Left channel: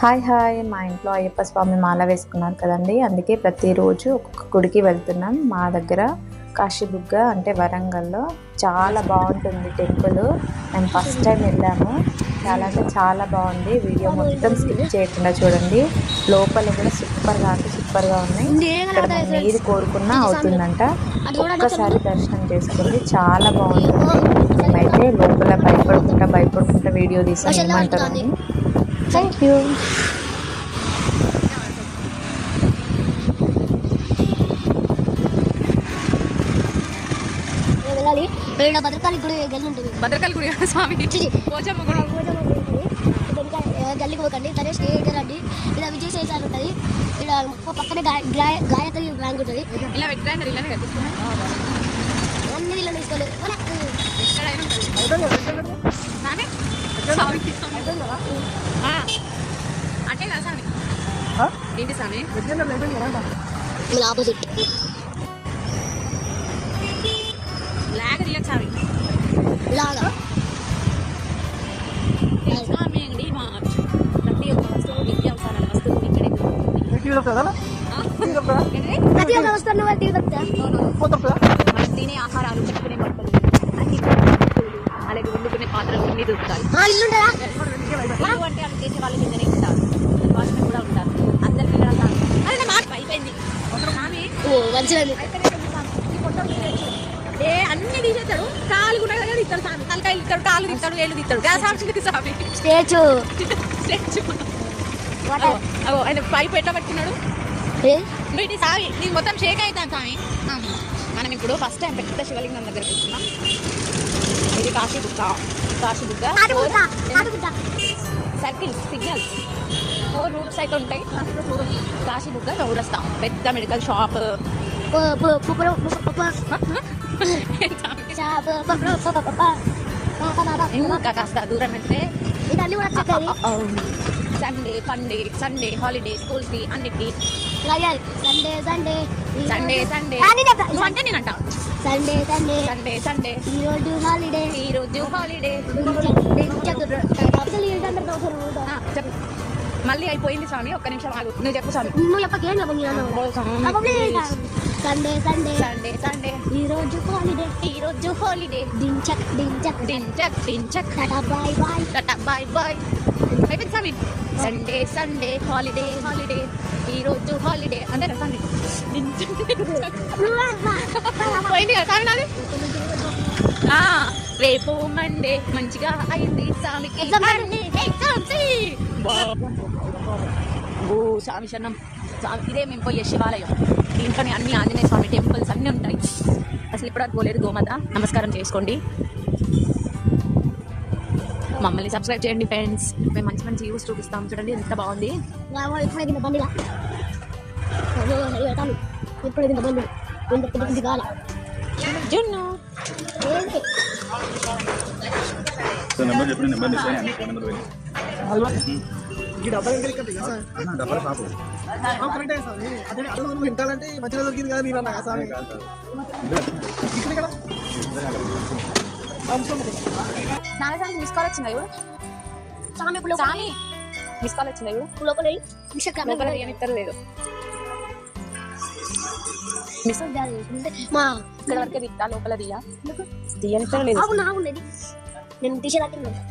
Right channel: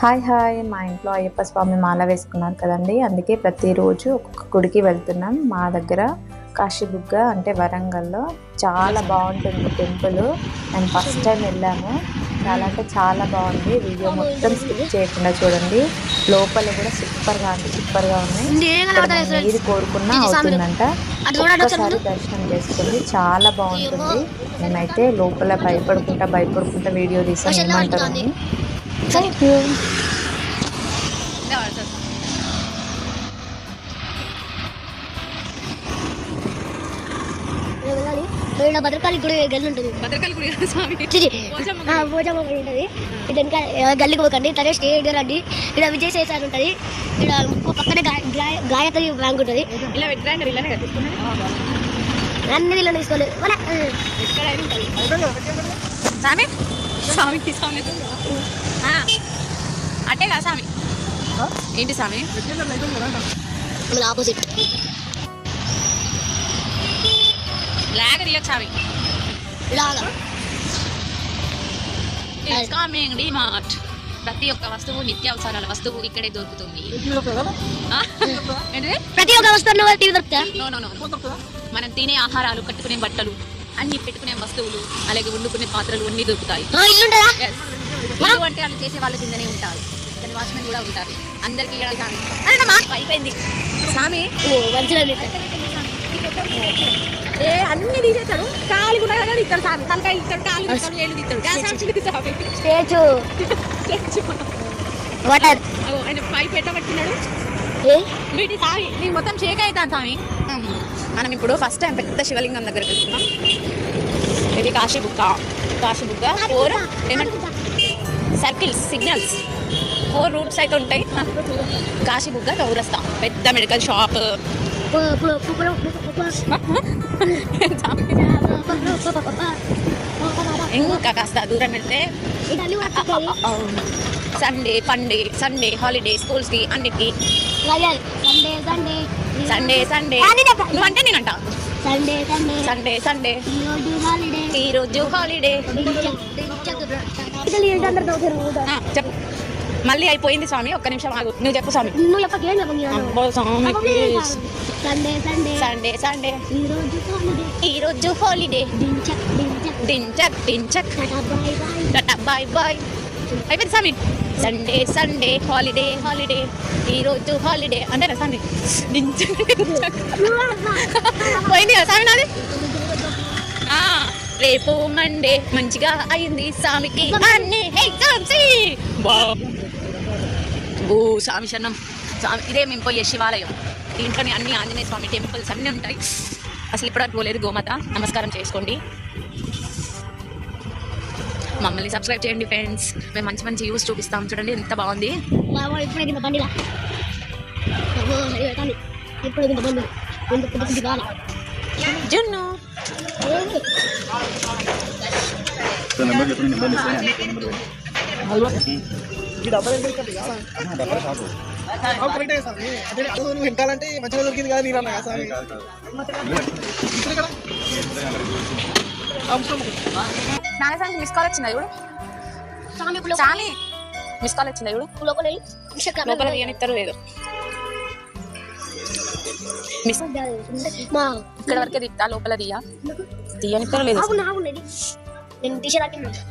Hi hi. మా ఇంట్లో అయ్యప్ప స్వామి మాల వేసుకున్నారు కదండి. అందుకే ప్రతిరోజు ఒక్కొక్క గుడికి వెళ్తున్నాం. మా దగ్గర కాశీబుగ్గ అంటే వరంగల్లో చాలా బాగుంటుంది టెంపుల్. మేము ఫస్ట్ టైం వెళ్ళాము. చాలా అంటే చాలా బాగుంది. వీడియో మొత్తం స్కిప్ చేయకుండా చూడండి. లోపల కూడా సూపర్గా అంటే సూపర్గా ఉన్నాయి ఏది కోరుకున్నా అవుతుందంట. ఒక్కసారి దర్శనం చేసుకుంది. చాలా బాగుంటుంది. మేమైతే లోపల భయపడుకుంటా భయపడుకుంటా వీడియో తీసాం. ఏమంటారు అని. థ్యాంక్ యూ వెళ్ళాలి. భద్రకాళి గుడి గల్లి ఉంటుంది. భద్రకాళి గుడి స్వామి? భోజమ్మ గుడి ఉంటుంది. గల్లికి పోకండి. తనే స్టేట్ రండి. ఇక్కడ విజయ్ సేసార్ ఉంటుంది. ఇక్కడ ఇంకో పక్కనే గాయత్రి బ్యాంక్ ఉంటుంది. ఇలా ఇలానే కట్టిస్తున్నాయి అన్ని ఇలా తీసుకోలేదు స్వామి స్వామి. స్వామి ఆ, అట్టే కదా స్వామి? ఏంటి స్వామి? మన ఆపోజిట్ లాగ తీయచ్చు స్వామి. ఇలాగా స్వామి డిమార్ట్ ప్రతి ఒక్క వస్తువు నిత్యావసరాల వస్తువు ఇక్కడే దొరుకుతుంది? ప్రతి ఒక్క వస్తువు. మనం తినే ఆహారాలు కట్టుకునే బట్టలు అన్ని పెట్టుకునే వస్తువులు అలాగే వండుకునే పాత్రలు అన్ని దొరుకుతాయి. అంటే వాళ్ళు చేసే వాళ్ళు కిందనే ఉంటారు. వాచ్మెన్ కూడా ఉంటారు. అందరికీ అడగాలి అరే నా మాట అయిపోయింది. స్వామి. ఓ మంచిగా ఏ అన్ని తీసేస్తాడు. కాలు కూడా కదా ఇస్తాడు స్వామి తలకాయలు ఇస్తాడు కాలు ఇస్తాడు వేలు ఇస్తాడు సాక్షులకు స్వామి స్టేజ్. వాటర్. అగో, ఆయన పైపు ఎట్లా కట్టుకున్నాడు వీటి సావి నీ మొత్తం షేక్ అవుతాను స్వామి. మనం ఇప్పుడు ఫస్ట్ టైం పెద్ద శివలింగం దగ్గరికి వెళ్తున్నాం. ఇది కాశీ బుక్క కాశీ బుక్క సర్కిల్స్ సిగ్నల్స్. ఫోర్ రూట్స్ అయితే ఉంటాయి. కాశీ బుగ్గ చౌరస్తా పెద్ద మెడికల్ షాప్. ఇంకా కాస్త దూరం వెళ్తే. సండే పండే సండే హాలిడే స్కూల్స్కి అన్నిటికి. Sunday Sunday. సండే సండే నువ్వు అంటే నేనంట. Sunday Sunday. Sunday Sunday. ఈరోజు హాలిడే. ఈ రోజు హాలిడే చెప్పు మళ్ళీ అయిపోయింది స్వామి ఒక్క నిమిషం ఆగు. నువ్వు చెప్పు స్వామి. నువ్వు. Sunday Sunday Sunday Sunday. Holiday ఈ రోజు హాలిడే డించక్ డించక్ డించక్ డించక్ tata bye bye. Tata bye bye. అయిపోయింది స్వామి. సండే సండే హాలిడే హాలిడే ఈ రోజు హాలిడే అంతేనా స్వామి? డించక్ పోయింది కదా స్వామి నాది? రేపు మండే మంచిగా అయింది స్వామికి. ఓ స్వామి శరణం. స్వామి ఇదే మేము పోయే శివాలయం. దీంట్లోనే అన్ని ఆంజనేయ స్వామి టెంపుల్స్ అన్నీ ఉంటాయి. అసలు ఇప్పటివరకు పోలేదు గోమాత. నమస్కారం చేసుకోండి. మమ్మల్ని సబ్స్క్రైబ్ చేయండి ఫ్రెండ్స్. మేము మంచి మంచి యూస్ చూపిస్తాం. చూడండి ఎంత బాగుంది. ఇప్పుడే కింద బండిలా అబ్బో, సరి పెడతాను ఇప్పుడు కింద బండి కింద పెద్ద పెద్ద కాల జున్ను ఏది నెంబర్ చెప్పిన నెంబర్ నెంబర్ డబ్బా షాపు కరెక్టే స్వామి అదే నువ్వు వింటాలంటే మంచిగా దొరికింది కదా నేను అన్నా. నాగసానికి మిస్ కాల్ వచ్చిందా ఇప్పుడు చాలి మిస్ కాల్ వచ్చిందా ఇప్పుడు లోపల లోపల తీయనిస్తారు లేదు. మిస్ మా ఇక్కడ వరకే దిక్తా లోపల తీయ. తీయనిస్తారు లేదు. అవును అవును ఇది.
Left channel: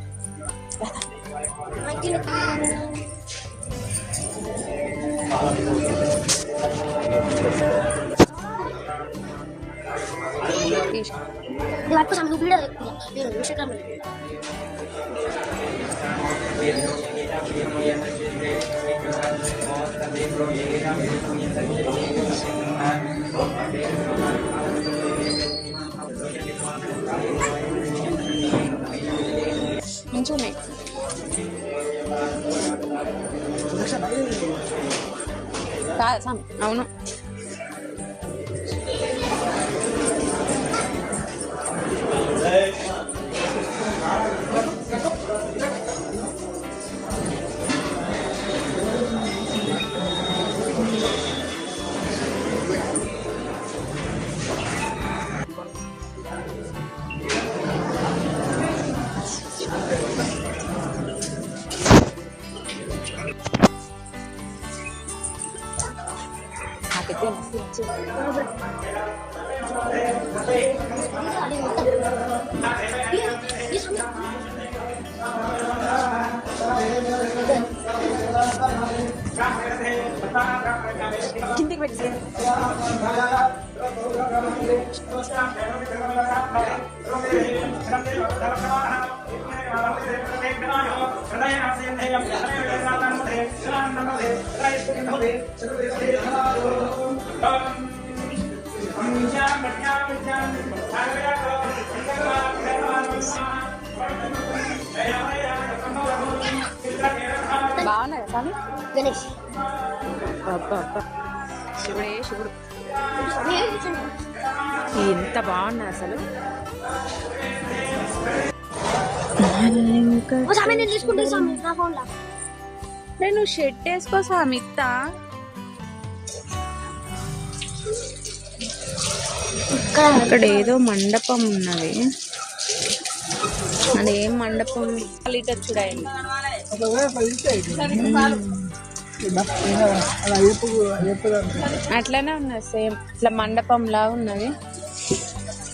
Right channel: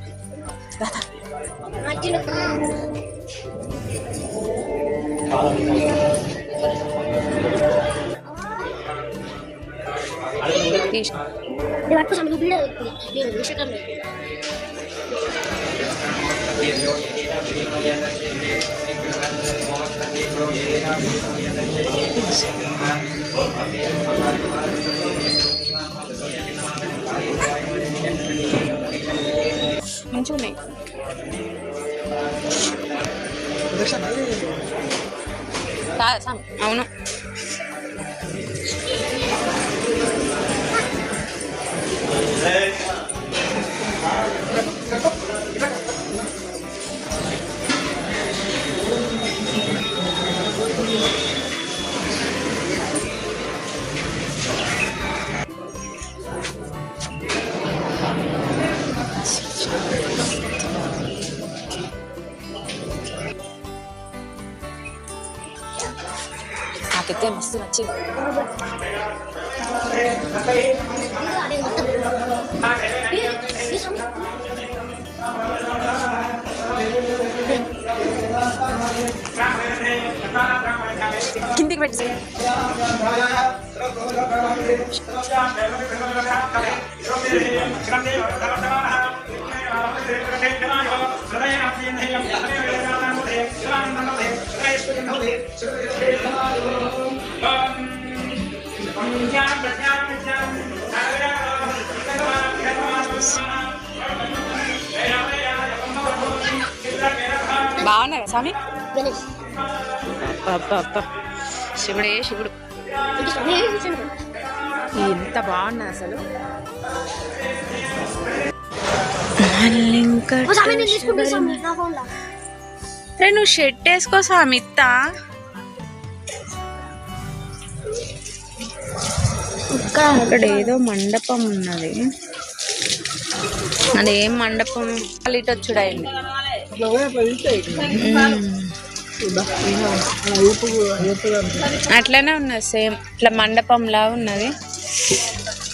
నేను తీసేదాకా తీసి ఇది పట్టుకో స్వామి నువ్వు వీడియో నేను ఇన్స్టాగ్రామ్ మంచిగా ఉన్నాయి kita masih macam. Kintik berarti sih. బాగున్నారా స్వామి? గణేష్ అబ్బా అబ్బా శివుడే శివుడు. ఎంత బాగున్నది అసలు. ఓ స్వామి రే నువ్వు షెడ్ వేసుకో సామిత్త అక్కడ ఏదో మండపం ఉన్నది. అదేం మండపం? ఇటు వచ్చుడాయండి అట్లనే ఉన్నది సేమ్. ఇట్లా మండపంలా ఉన్నది.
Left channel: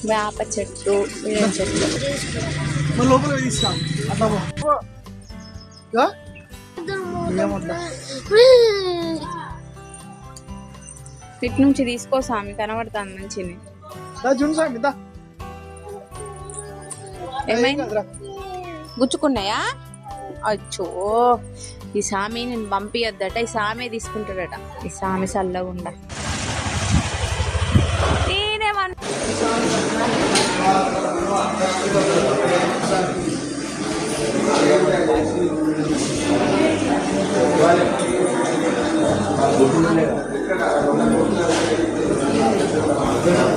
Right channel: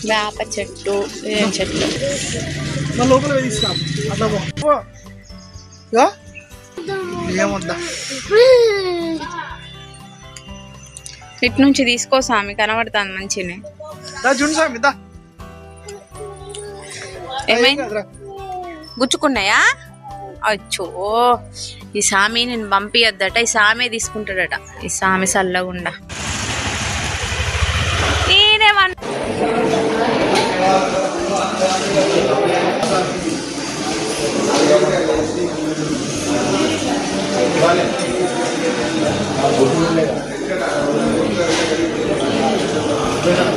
వేప చెట్టు ఏ ఏమొద్దా? ఇటు నుంచి తీసుకో స్వామి కనబడుతుంది మంచినే. చూడు స్వామి ఏమైంది. గుచ్చుకున్నాయా? అచ్చో ఈ సామి నేను పంపియద్దట ఈ సామే తీసుకుంటాడట. ఈ సామి సల్లగుండా. 네.